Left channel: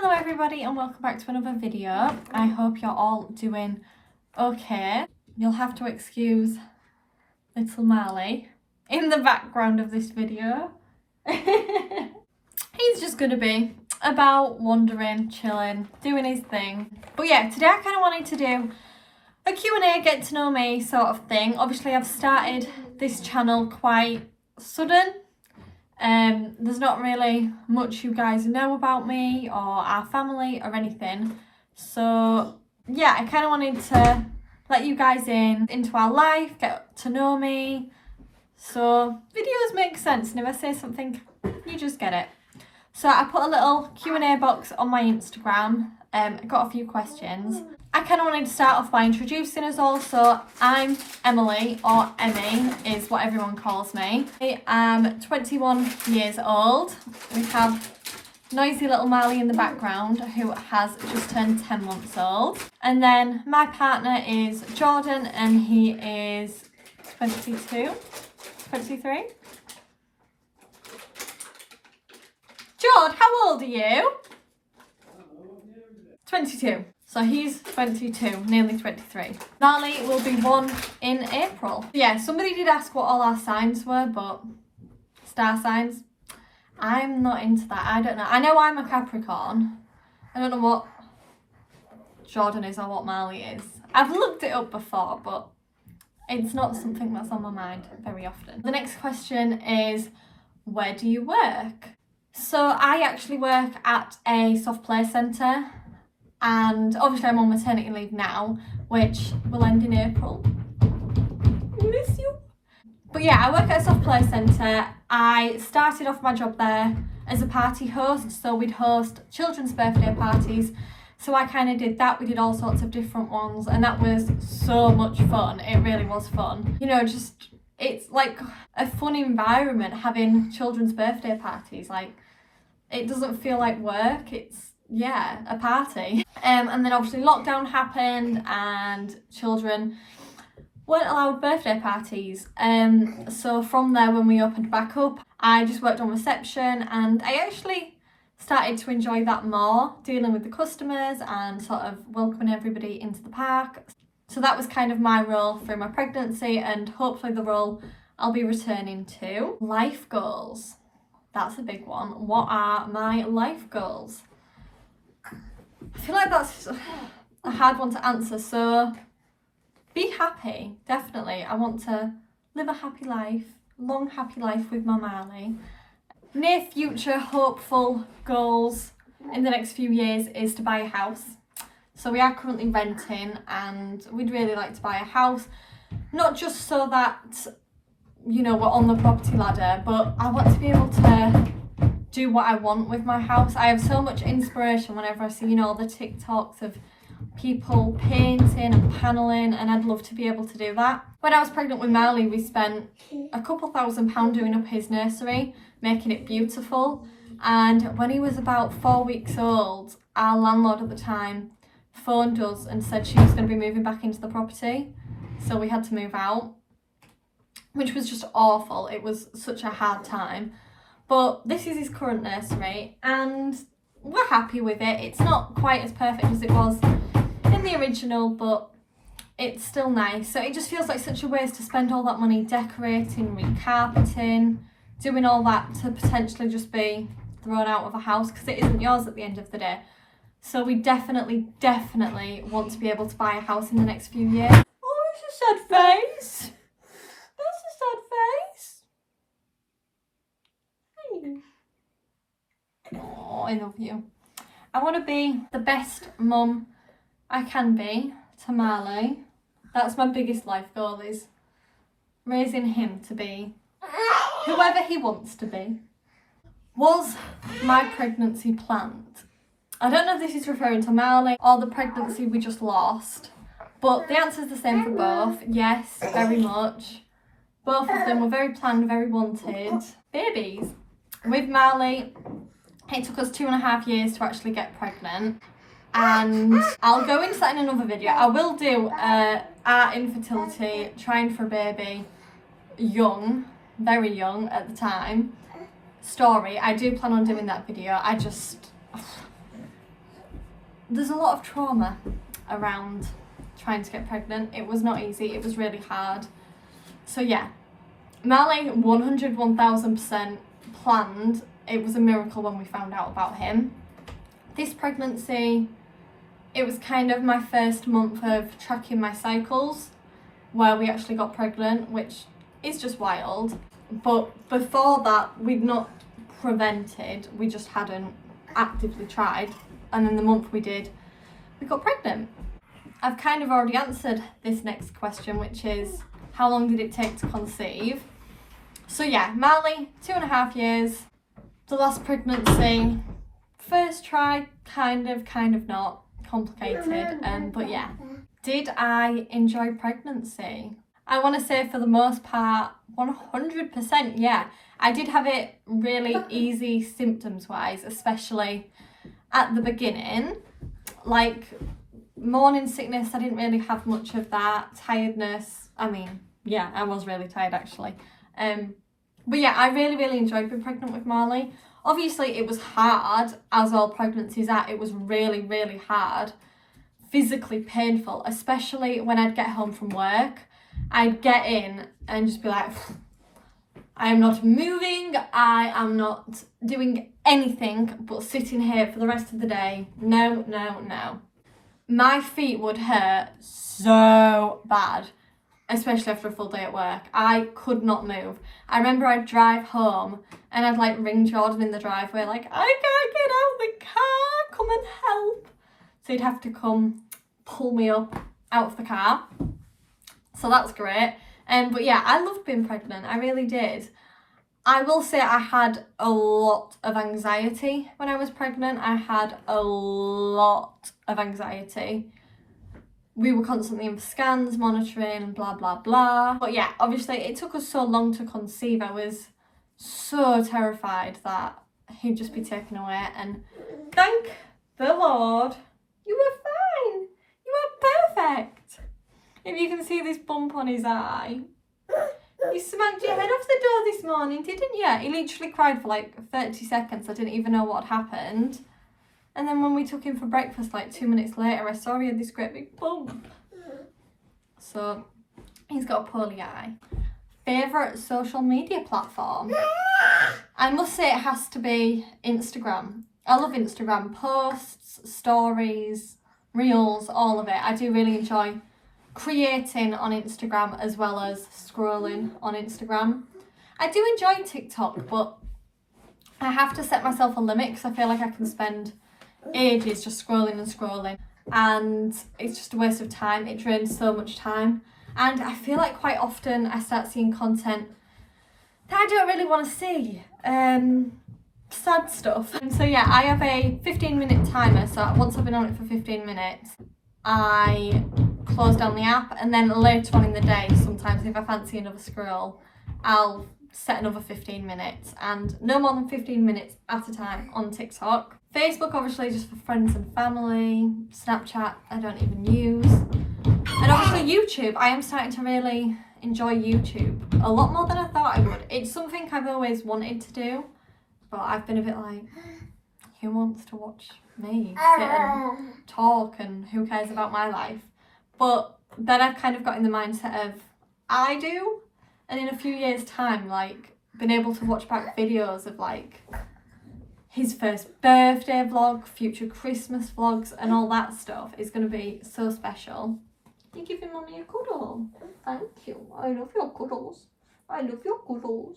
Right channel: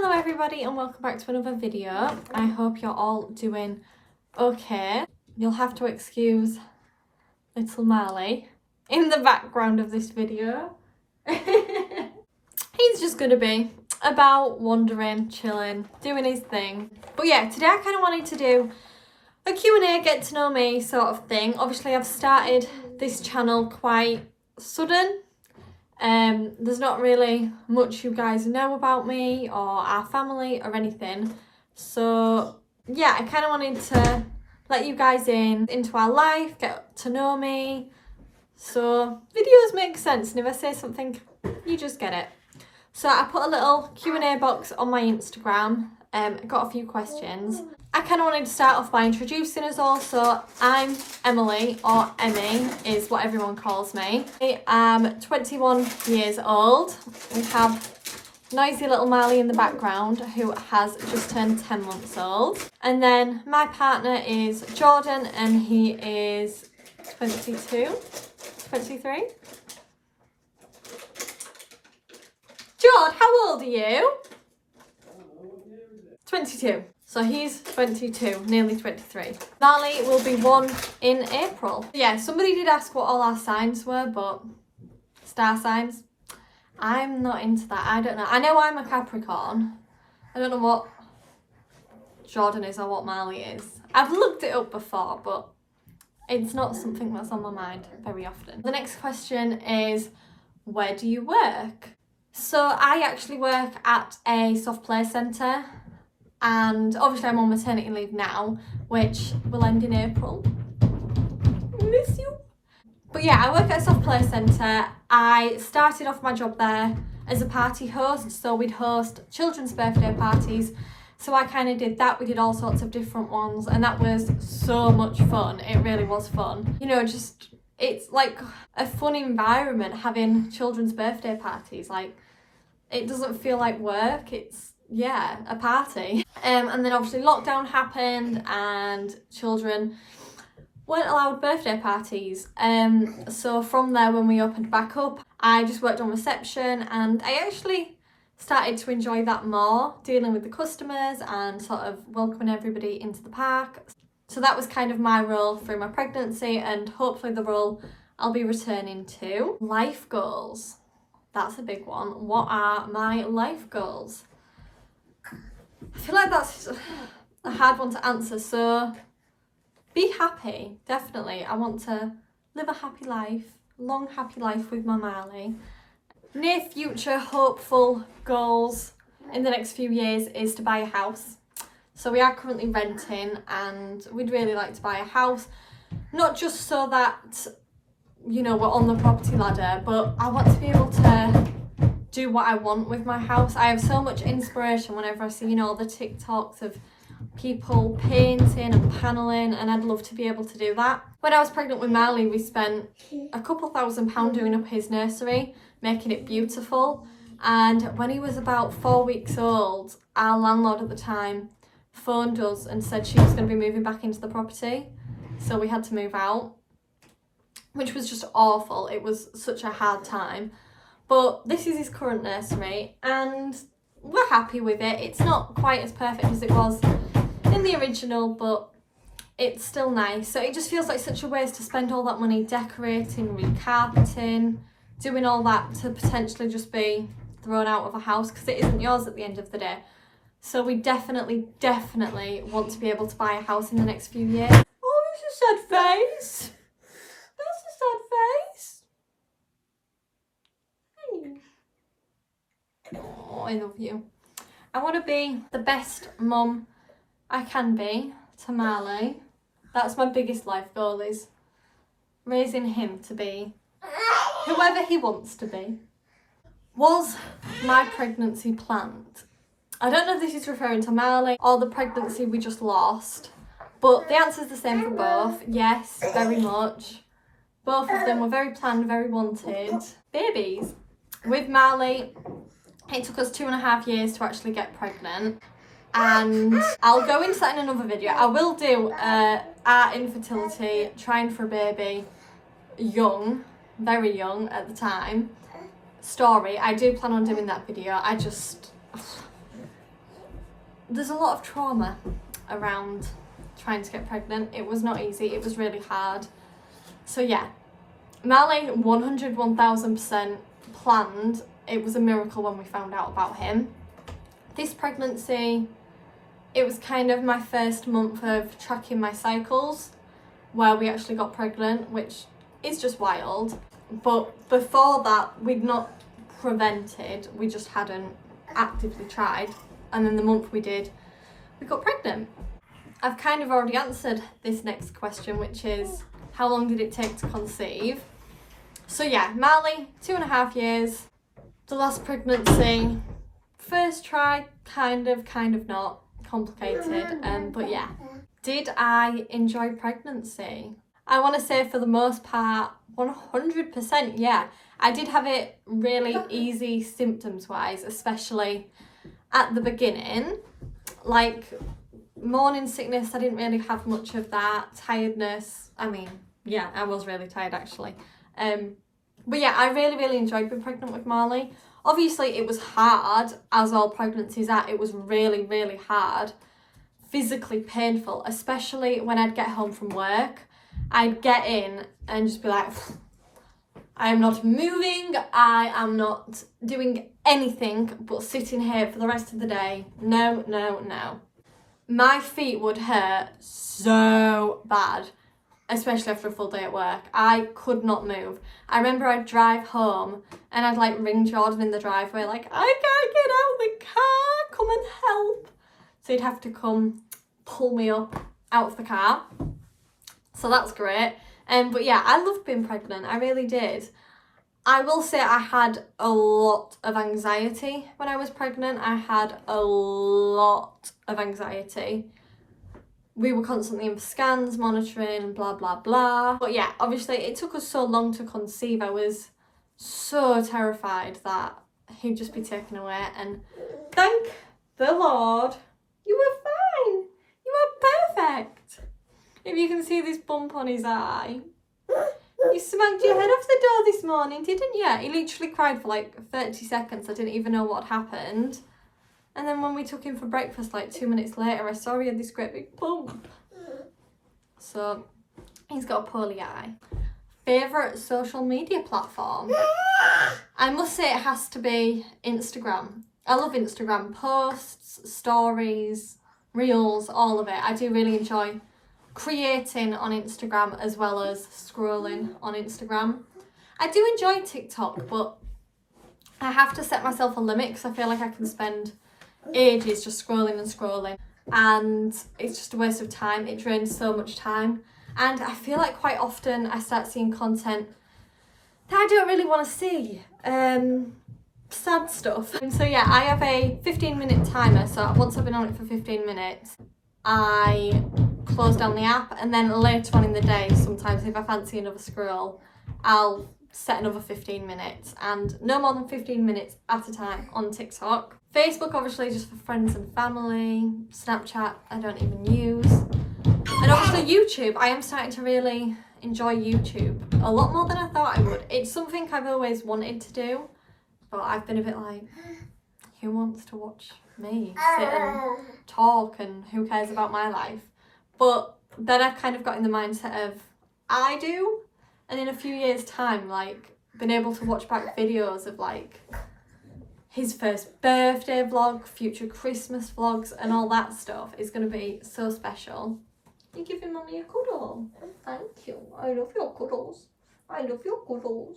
Hello everybody and welcome back to another video. I hope you're all doing okay. You'll have to excuse little Marley in the background of this video. He's just going to be about wandering, chilling, doing his thing. But yeah, today I kind of wanted to do a Q&A, get to know me sort of thing. Obviously I've started this channel quite sudden. There's not really much you guys know about me or our family or anything, so yeah, I kind of wanted to let you guys into our life, get to know me, so videos make sense, and if I say something you just get it. So I put a little Q&A box on my Instagram. I got a few questions. I kind of wanted to start off by introducing us all. So I'm Emily, or Emmy is what everyone calls me. I am 21 years old. We have noisy little Marley in the background who has just turned 10 months old. And then my partner is Jordan and he is 22, 23. Jord, how old are you? 22. So he's 22, nearly 23. Marley will be 1 in April. Yeah, somebody did ask what all our signs were, but star signs, I'm not into that. I don't know. I know I'm a Capricorn. I don't know what Jordan is or what Marley is. I've looked it up before, but it's not something that's on my mind very often. The next question is, where do you work? So I actually work at a soft play centre, and obviously I'm on maternity leave now, which will end in April. Miss you. But yeah, I work at a soft play centre. I started off my job there as a party host, so we'd host children's birthday parties. So I kind of did that. We did all sorts of different ones, and that was so much fun. It really was fun. You know, just it's like a fun environment having children's birthday parties. Like, it doesn't feel like work, it's, yeah, a party. And then obviously lockdown happened and children weren't allowed birthday parties. So from there, when we opened back up, I just worked on reception, and I actually started to enjoy that more, dealing with the customers and sort of welcoming everybody into the park. So that was kind of my role through my pregnancy, and hopefully the role I'll be returning to. Life goals. That's a big one. What are my life goals? I feel like that's a hard one to answer. So be happy, definitely. I want to live a happy life, long happy life with my Marley. Near future hopeful goals in the next few years is to buy a house. So we are currently renting, and we'd really like to buy a house, not just so that, you know, we're on the property ladder, but I want to be able to do what I want with my house. I have so much inspiration whenever I see, you know, the TikToks of people painting and paneling, and I'd love to be able to do that. When I was pregnant with Marley, we spent a couple £1,000 doing up his nursery, making it beautiful. And when he was about 4 weeks old, our landlord at the time phoned us and said she was going to be moving back into the property, so we had to move out, which was just awful. It was such a hard time. But this is his current nursery, and we're happy with it. It's not quite as perfect as it was in the original, but it's still nice. So it just feels like such a waste to spend all that money decorating, recarpeting, doing all that to potentially just be thrown out of a house, because it isn't yours at the end of the day. So we definitely want to be able to buy a house in the next few years. Oh, it's a sad face. That's a sad face. Oh, I love you. I want to be the best mum I can be to Marley. That's my biggest life goal, is raising him to be whoever he wants to be. Was my pregnancy planned? I don't know if this is referring to Marley or the pregnancy we just lost, but the answer is the same for both. Yes, very much. Both of them were very planned, very wanted babies. With Marley, it took us 2.5 years to actually get pregnant, and I'll go into that in another video. I will do our infertility, trying for a baby young, very young at the time, story. I do plan on doing that video. there's a lot of trauma around trying to get pregnant. It was not easy, it was really hard. So yeah, Marley 101,000% planned. It was a miracle when we found out about him. This pregnancy, it was kind of my first month of tracking my cycles where we actually got pregnant, which is just wild. But before that, we'd not prevented, we just hadn't actively tried. And then the month we did, we got pregnant. I've kind of already answered this next question, which is how long did it take to conceive? So yeah, Marley, 2.5 years. The last pregnancy, first try, kind of not, complicated. But yeah, did I enjoy pregnancy? I want to say for the most part, 100% yeah. I did have it really easy symptoms wise, especially at the beginning. Like morning sickness, I didn't really have much of that. Tiredness, I mean, yeah, I was really tired actually. But yeah, I really enjoyed being pregnant with Marley. Obviously it was hard, as all pregnancies are. It was really hard, physically painful, especially when I'd get home from work. I'd get in and just be like, I am not moving, I am not doing anything but sitting here for the rest of the day. No. My feet would hurt so bad, especially after a full day at work. I could not move. I remember I'd drive home and I'd like ring Jordan in the driveway like, I can't get out of the car, come and help. So he'd have to come pull me up out of the car. So that's great. But yeah, I loved being pregnant, I really did. I will say I had a lot of anxiety when I was pregnant. I had a lot of anxiety. We were constantly in for scans, monitoring, and blah, blah, blah. But yeah, obviously it took us so long to conceive. I was so terrified that he'd just be taken away. And thank the Lord, you were fine. You were perfect. If you can see this bump on his eye. You smacked your head off the door this morning, didn't you? He literally cried for like 30 seconds. I didn't even know what happened. And then when we took him for breakfast, like 2 minutes later, I saw he had this great big bump. So he's got a poorly eye. Favourite social media platform? I must say it has to be Instagram. I love Instagram posts, stories, reels, all of it. I do really enjoy creating on Instagram as well as scrolling on Instagram. I do enjoy TikTok, but I have to set myself a limit because I feel like I can spend ages just scrolling and it's just a waste of time. It drains so much time, and I feel like quite often I start seeing content that I don't really want to see, sad stuff. And so yeah, I have a 15-minute timer, so once I've been on it for 15 minutes I close down the app, and then later on in the day, sometimes if I fancy another scroll, I'll set another 15 minutes, and no more than 15 minutes at a time on TikTok. Facebook obviously just for friends and family. Snapchat I don't even use. And obviously YouTube. I am starting to really enjoy YouTube a lot more than I thought I would. It's something I've always wanted to do, but I've been a bit like, who wants to watch me sit and talk, and who cares about my life? But then I've kind of got in the mindset of I do, and in a few years time, like, been able to watch back videos of like his first birthday vlog, future Christmas vlogs, and all that stuff is going to be so special. You're giving Mummy a cuddle. Thank you. I love your cuddles. I love your cuddles.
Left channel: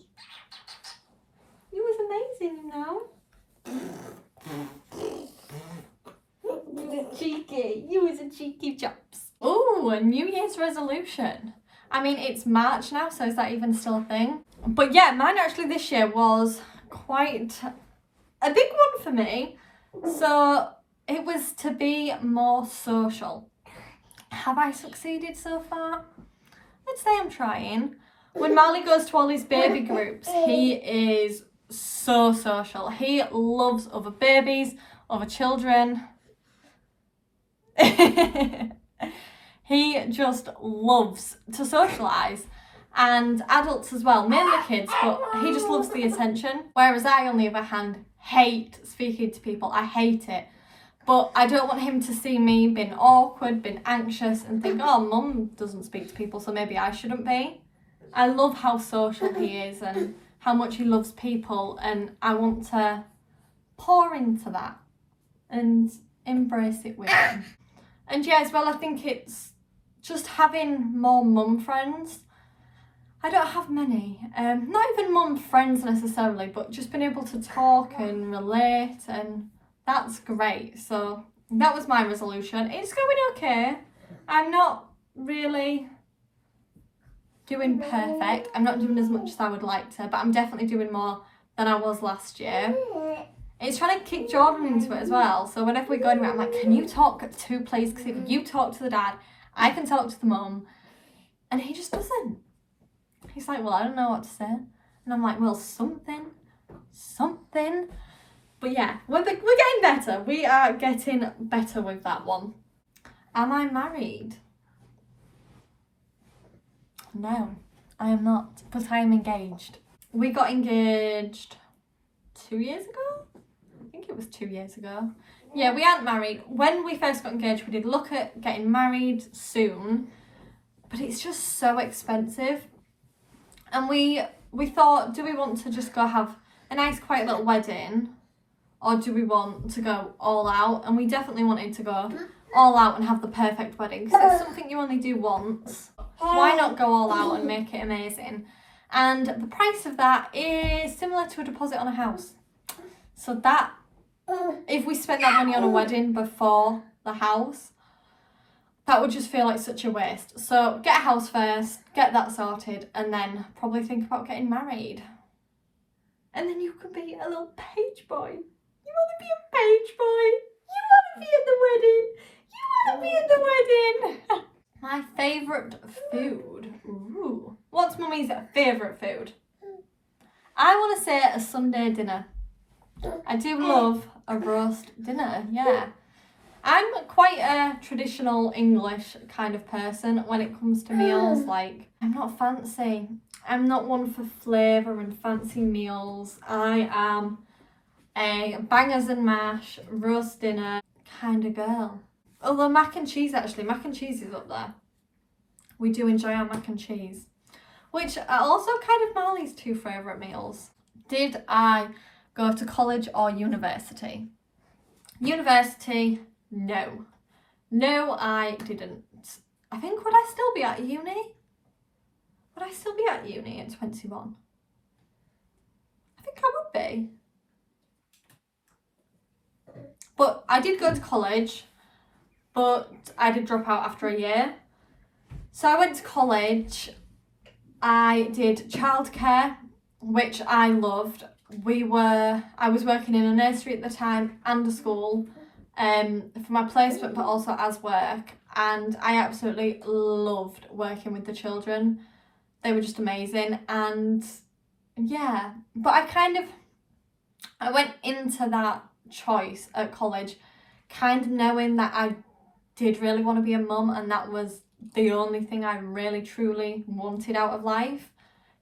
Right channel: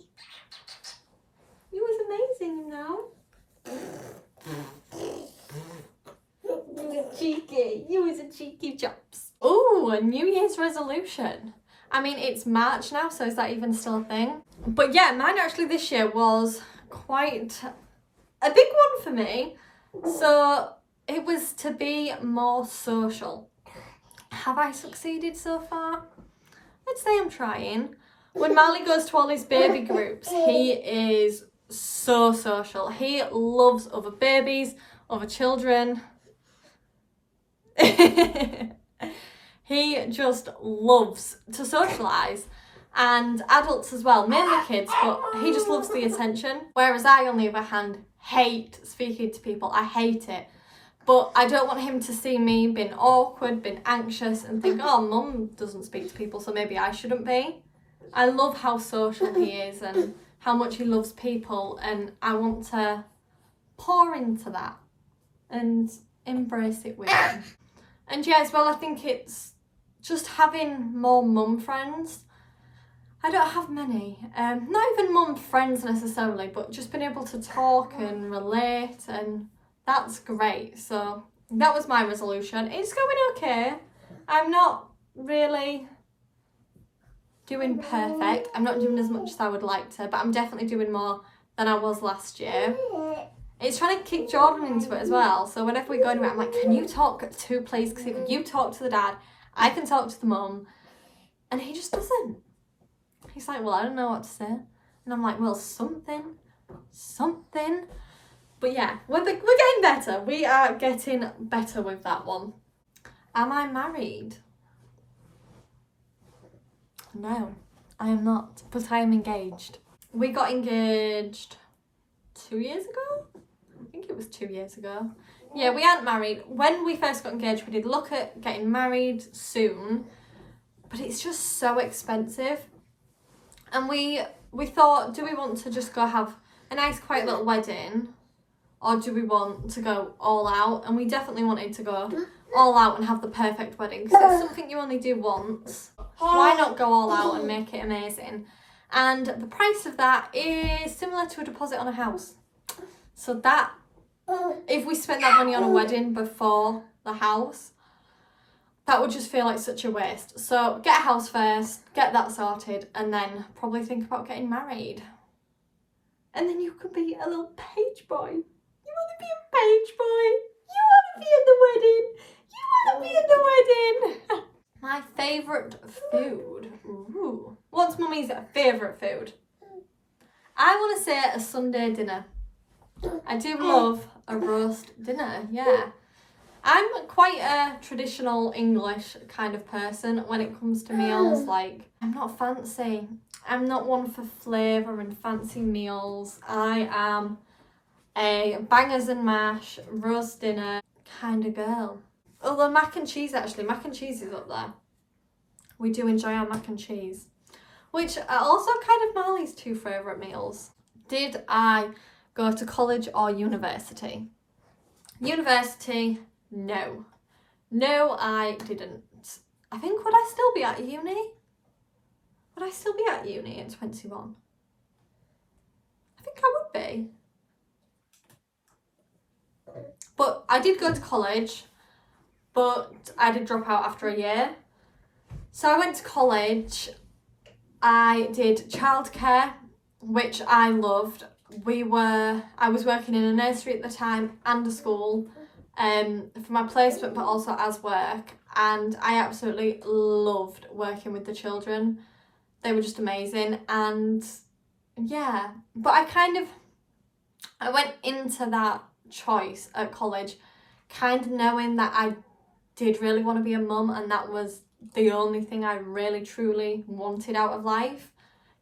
You was amazing, you know. You was cheeky. You was a cheeky chops. Ooh, a New Year's resolution. I mean, it's March now, so is that even still a thing? But yeah, mine actually this year was quite a big one for me. So it was to be more social. Have I succeeded so far? I'd say I'm trying. When Marley goes to all his baby groups, he is so social. He loves other babies, other children. He just loves to socialise, and adults as well, mainly kids, but he just loves the attention. Whereas I, on the other hand, hate speaking to people. I hate it. But I don't want him to see me being awkward, being anxious and think, oh, mum doesn't speak to people, so maybe I shouldn't be. I love how social he is and how much he loves people, and I want to pour into that and embrace it with him. And yeah, as well, I think it's just having more mum friends. I don't have many, not even mum friends necessarily, but just being able to talk and relate, and that's great. So that was my resolution. It's going okay. I'm not really doing perfect. I'm not doing as much as I would like to, but I'm definitely doing more than I was last year. It's trying to kick Jordan into it as well. So whenever we go anywhere, I'm like, can you talk to please? Because if you talk to the dad, I can talk to the mum. And he just doesn't. He's like, well, I don't know what to say. And I'm like, well, something. But yeah, we're getting better. We are getting better with that one. Am I married? No, I am not, but I am engaged. We got engaged 2 years ago? I think it was 2 years ago. Yeah, we aren't married. When we first got engaged, we did look at getting married soon, but it's just so expensive. And we thought, do we want to just go have a nice quiet little wedding, or do we want to go all out? And we definitely wanted to go all out and have the perfect wedding, because it's something you only do once. Why not go all out and make it amazing? And the price of that is similar to a deposit on a house. So that, if we spent that money on a wedding before the house, that would just feel like such a waste. So get a house first, get that sorted, and then probably think about getting married. And then you could be a little page boy. You want to be a page boy? You want to be in the wedding? You want to be in the wedding? My favourite food. Ooh. What's mummy's favourite food? I want to say a Sunday dinner. I do love a roast dinner, yeah. I'm quite a traditional English kind of person when it comes to meals. Like, I'm not fancy. I'm not one for flavour and fancy meals. I am a bangers and mash, roast dinner kind of girl. Although mac and cheese is up there. We do enjoy our mac and cheese, which are also kind of Marley's two favourite meals. Did I go to college or university? University, no. No, I didn't. I think, would I still be at uni? Would I still be at uni at 21? I think I would be. But I did go to college, but I did drop out after a year. So I went to college. I did childcare, which I loved. I was working in a nursery at the time and a school for my placement, but also as work. And I absolutely loved working with the children. They were just amazing. And yeah, but I went into that choice at college kind of knowing that I did really want to be a mum, and that was the only thing I really truly wanted out of life.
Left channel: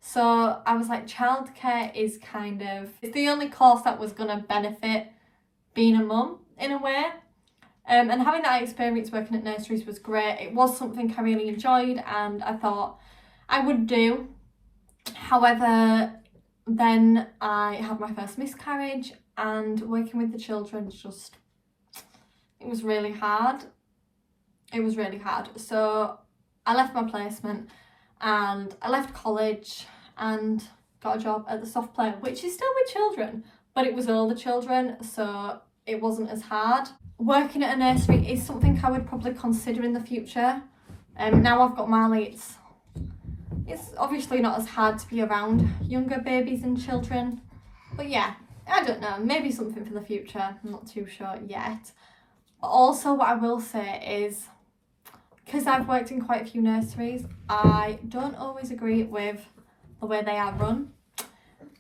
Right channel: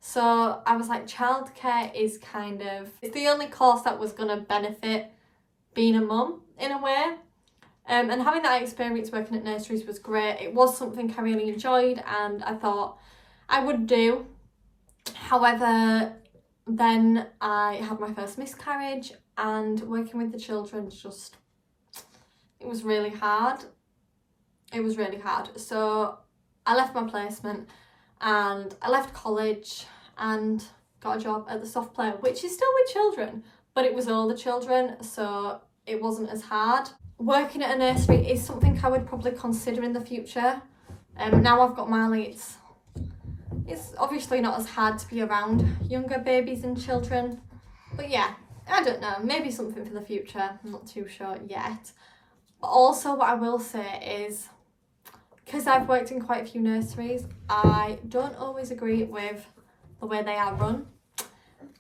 So I was like, childcare is it's the only course that was going to benefit being a mum in a way. And having that experience working at nurseries was great. It was something I really enjoyed and I thought I would do. However, then I had my first miscarriage, and working with the children it was really hard. So I left my placement and I left college and got a job at the soft play, which is still with children, but it was all the children, so it wasn't as hard. Working at a nursery is something I would probably consider in the future. Now I've got Marley, it's obviously not as hard to be around younger babies and children. But yeah, I don't know, maybe something for the future, I'm not too sure yet. But also what I will say is, because I've worked in quite a few nurseries, I don't always agree with the way they are run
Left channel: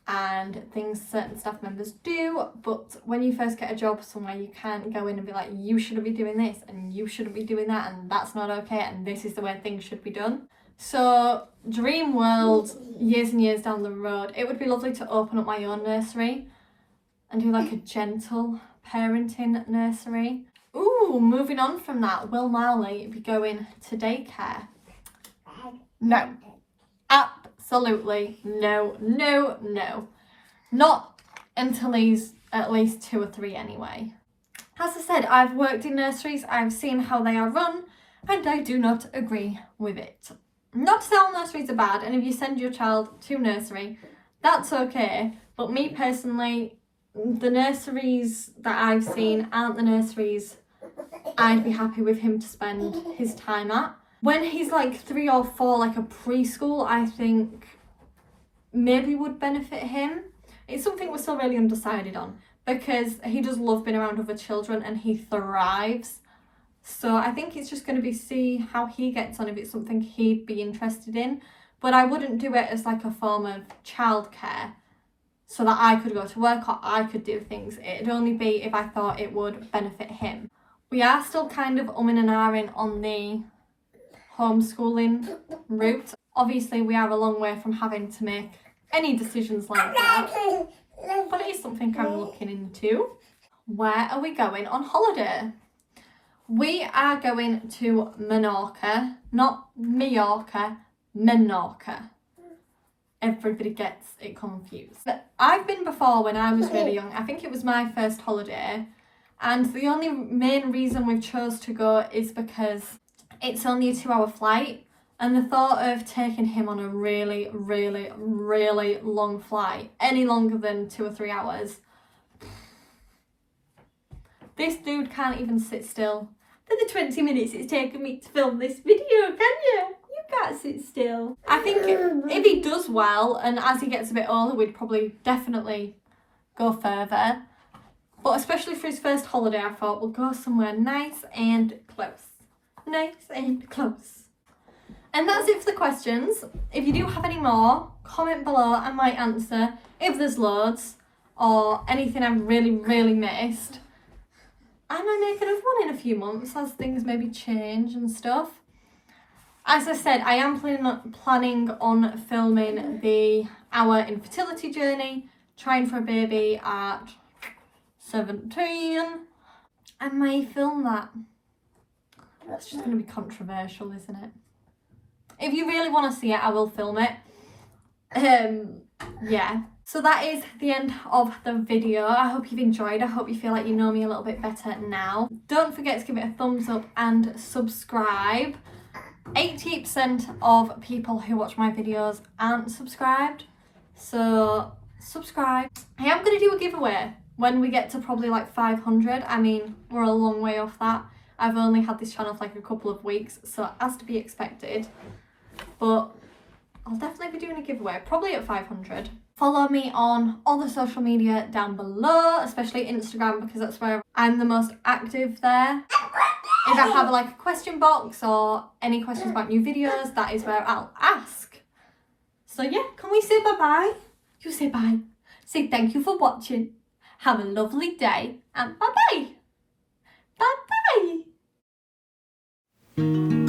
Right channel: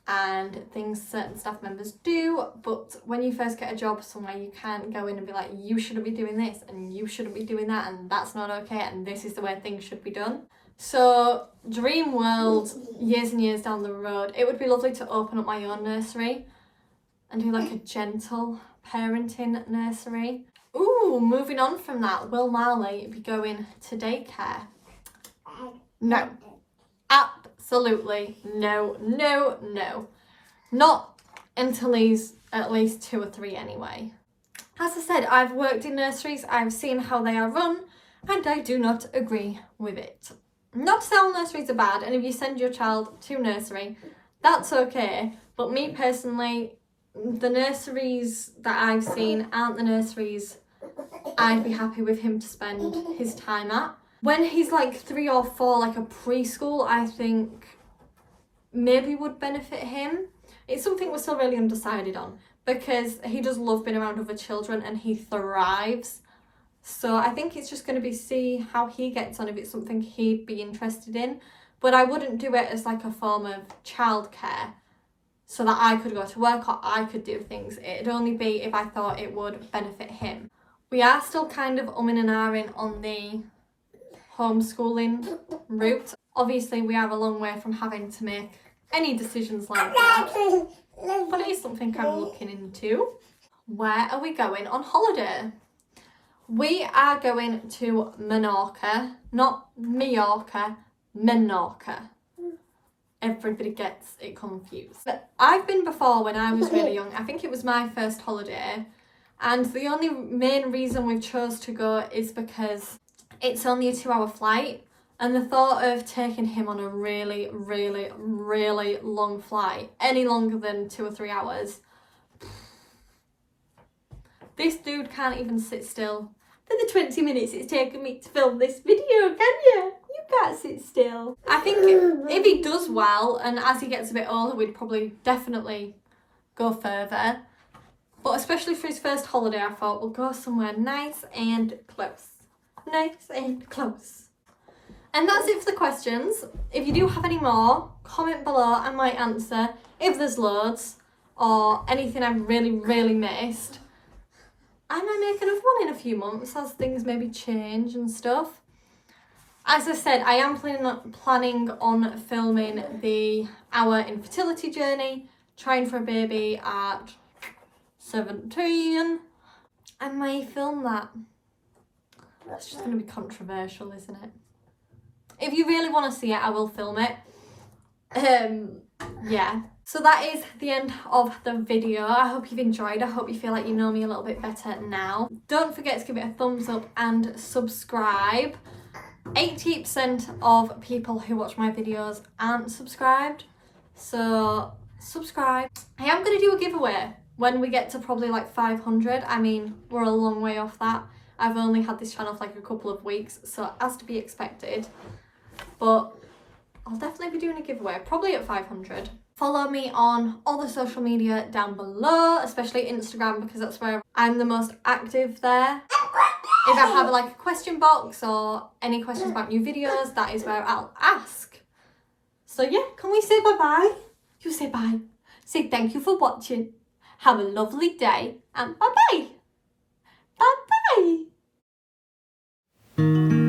and things certain staff members do. But when you first get a job somewhere, you can't go in and be like, you shouldn't be doing this and you shouldn't be doing that and that's not okay and this is the way things should be done. So dream world, years and years down the road, it would be lovely to open up my own nursery and do like a gentle parenting nursery. Ooh, moving on from that, will Marley be going to daycare? No. Absolutely no, no, no. Not until he's at least 2 or 3 anyway. As I said, I've worked in nurseries, I've seen how they are run, and I do not agree with it. Not to say all nurseries are bad, and if you send your child to nursery, that's okay. But me personally, the nurseries that I've seen aren't the nurseries I'd be happy with him to spend his time at. When he's like 3 or 4, like a preschool, I think maybe would benefit him. It's something we're still really undecided on because he does love being around other children and he thrives. So I think it's just going to be see how he gets on, if it's something he'd be interested in. But I wouldn't do it as like a form of childcare so that I could go to work or I could do things. It'd only be if I thought it would benefit him. We are still kind of umming and ahhing on the homeschooling route. Obviously, we are a long way from having to make any decisions like that, but it is something I'm looking into. Where are we going on holiday? We are going to Menorca, not Mallorca, Menorca. Everybody gets it confused. But I've been before when I was really young. I think it was my first holiday. And the only main reason we chose to go is because it's only a 2-hour flight. And the thought of taking him on a really, really, really long flight, any longer than 2 or 3 hours. This dude can't even sit still. For the 20 minutes it's taken me to film this video, can you? You can't sit still. I think if he does well, and as he gets a bit older, we'd probably definitely go further. But especially for his first holiday, I thought we'll go somewhere nice and close. Nice and close. And that's it for the questions. If you do have any more, comment below. I might answer if there's loads or anything I've really, really missed. I might make another one in a few months as things maybe change and stuff. As I said, I am planning on filming our infertility journey, trying for a baby at 17. I may film that. That's just going to be controversial, isn't it? If you really want to see it, I will film it. Yeah. So that is the end of the video. I hope you've enjoyed. I hope you feel like you know me a little bit better now. Don't forget to give it a thumbs up and subscribe. 80% of people who watch my videos aren't subscribed. So subscribe. I am going to do a giveaway when we get to probably like 500. I mean, we're a long way off that. I've only had this channel for like a couple of weeks, so as to be expected. But I'll definitely be doing a giveaway, probably at 500. Follow me on all the social media down below, especially Instagram, because that's where I'm the most active there. If I have like a question box or any questions about new videos, that is where I'll ask. So yeah, can we say bye-bye? You say bye. Say thank you for watching. Have a lovely day and bye-bye. Bye-bye.